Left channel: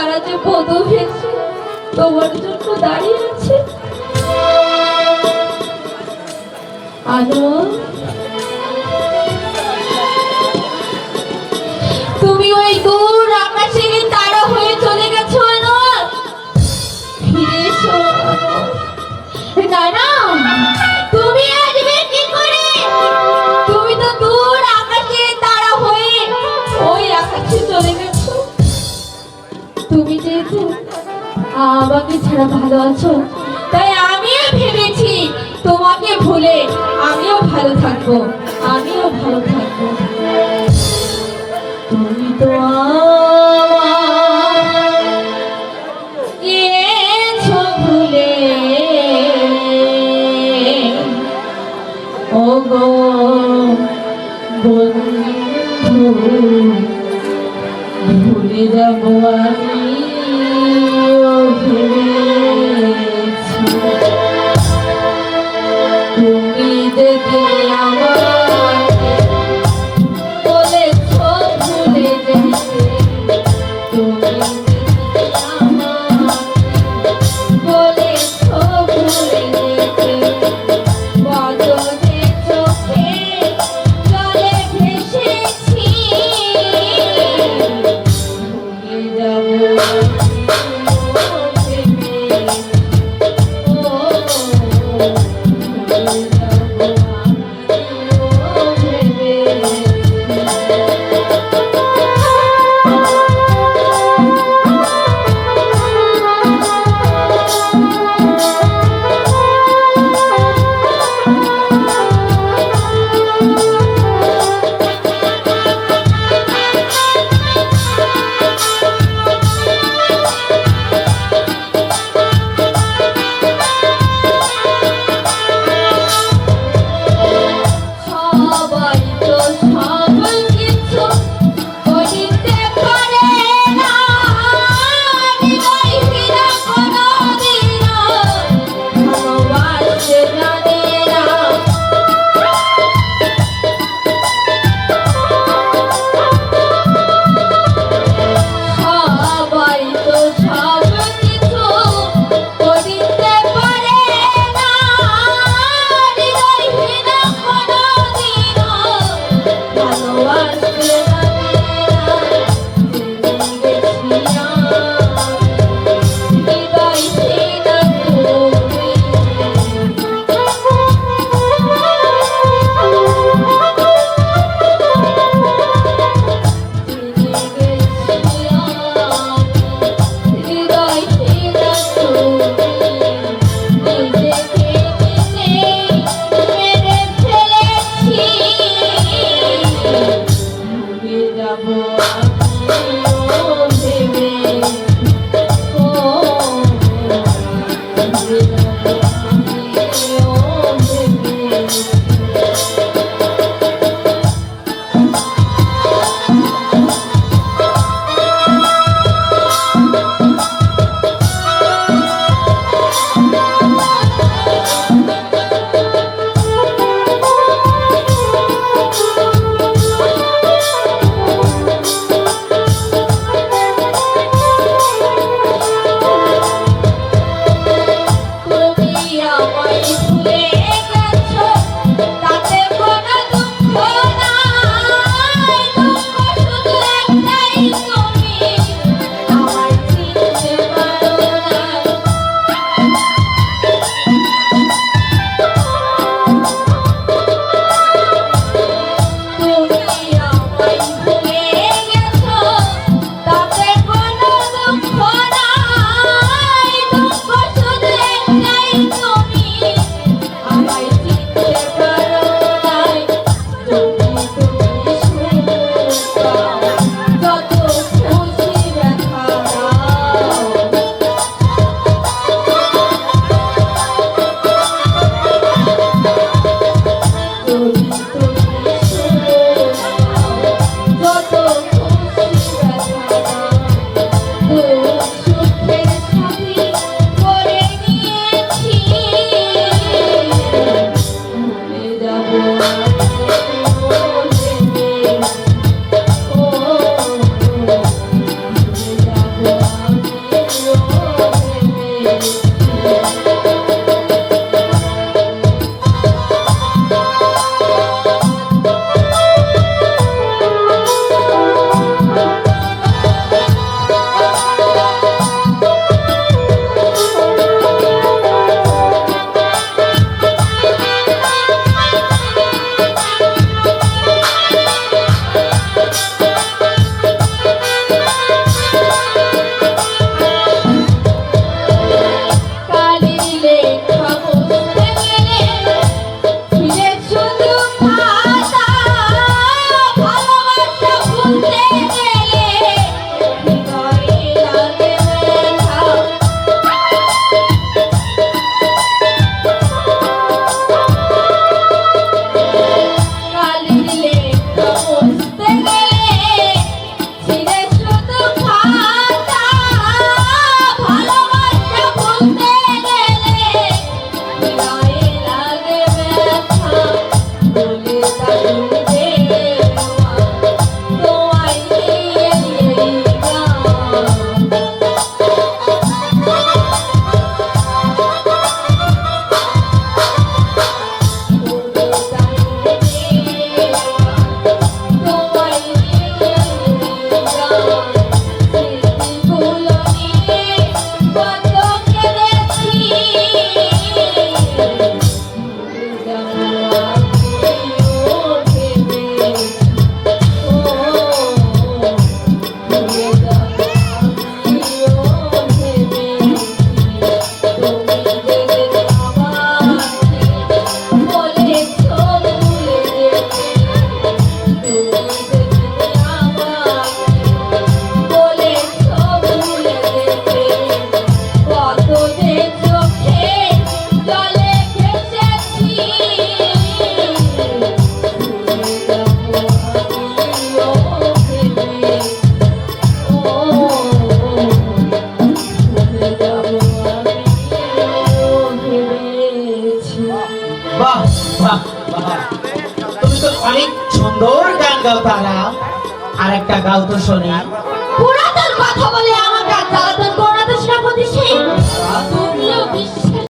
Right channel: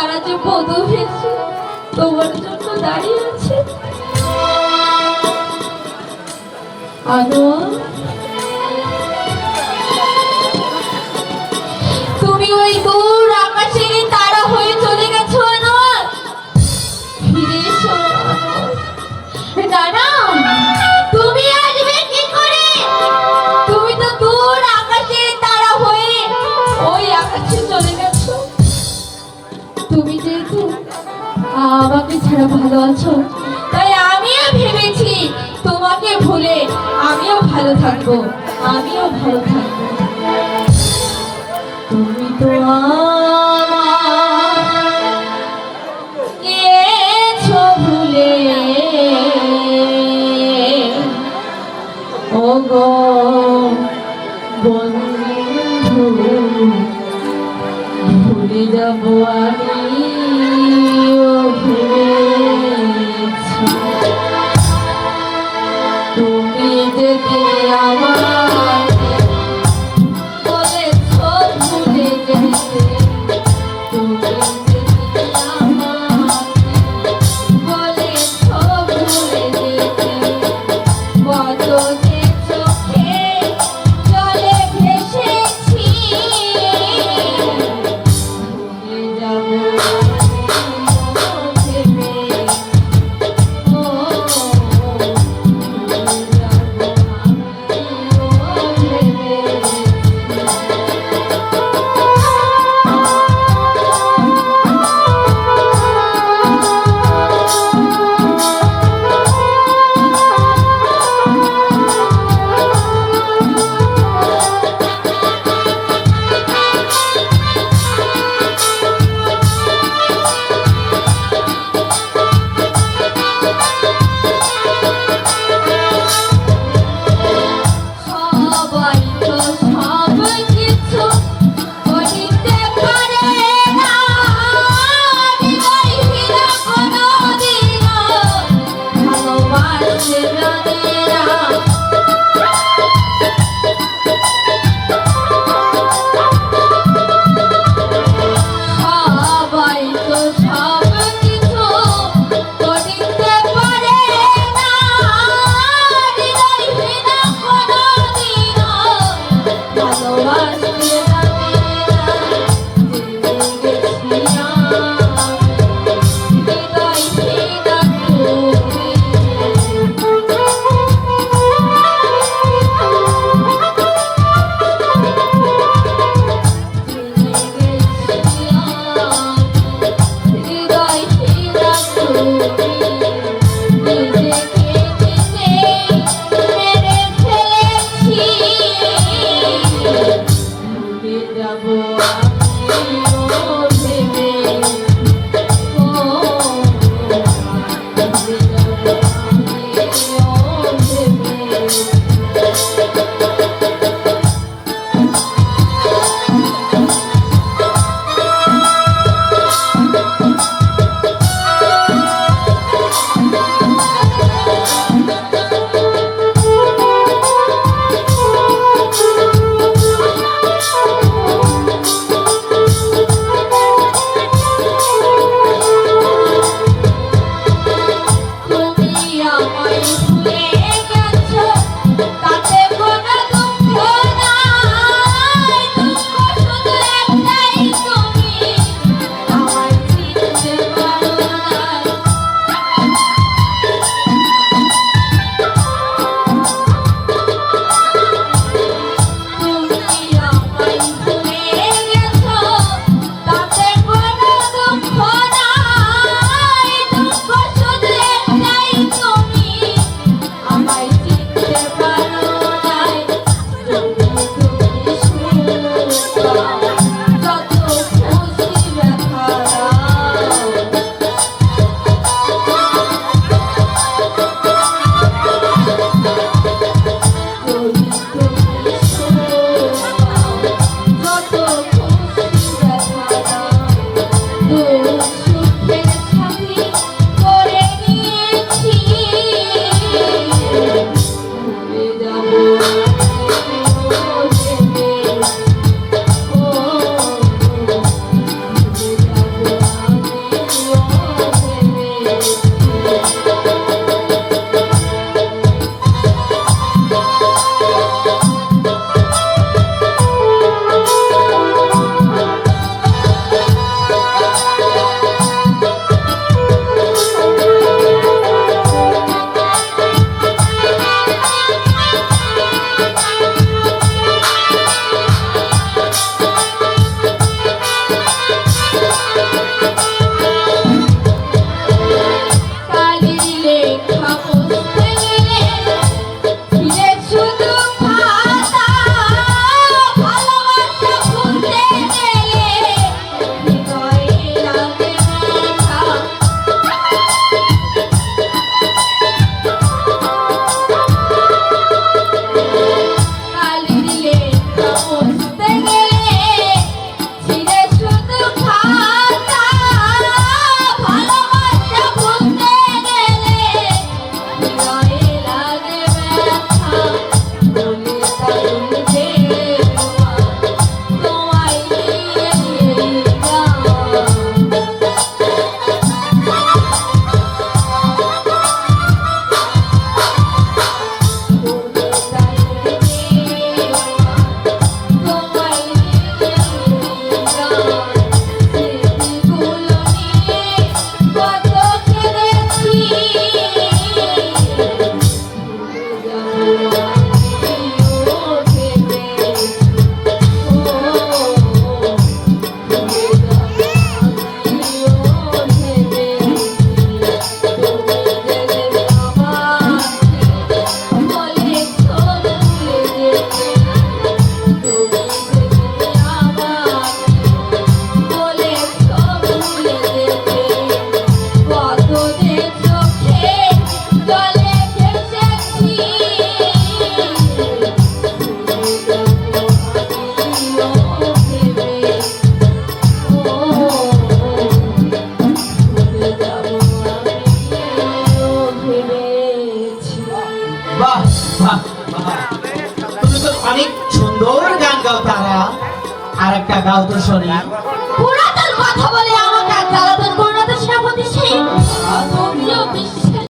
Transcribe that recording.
তারা যে পদভেসে তোমার জন্য দাঁড়িয়ে আছে। আনন্দ, তুমি ওই দূর আকাশে তারা হয়ে চলে গেছো। আনন্দ, ফিরে এসো। জানো তুমি আসবে কি করে? তুমি তো দূর আকাশে তারা হয়ে ওই আকাশে চলে গেছো। তুমি যেহেতু আমাকে ছাড়া ভালো আছো, তাই আমিও ভেবেছি তোমাকে ভুলে আমিও ভালো থাকবো, আমিও ভালো থাকবো। তুমি তো গিয়েছো ভুলে, ও গো বন্ধু, ভুলে যাবো আমি ভুলেছি। তুমি যদি আমাকে বলেছো ভুলে যেতে, তুমি যদি আমাকে বলেছো ভুলে যেতে, বদলে চোখে জলে ভেসেছি, ভুলে যাবো গাও তারা, আর একটা গাও তো শুনি। পুরাতন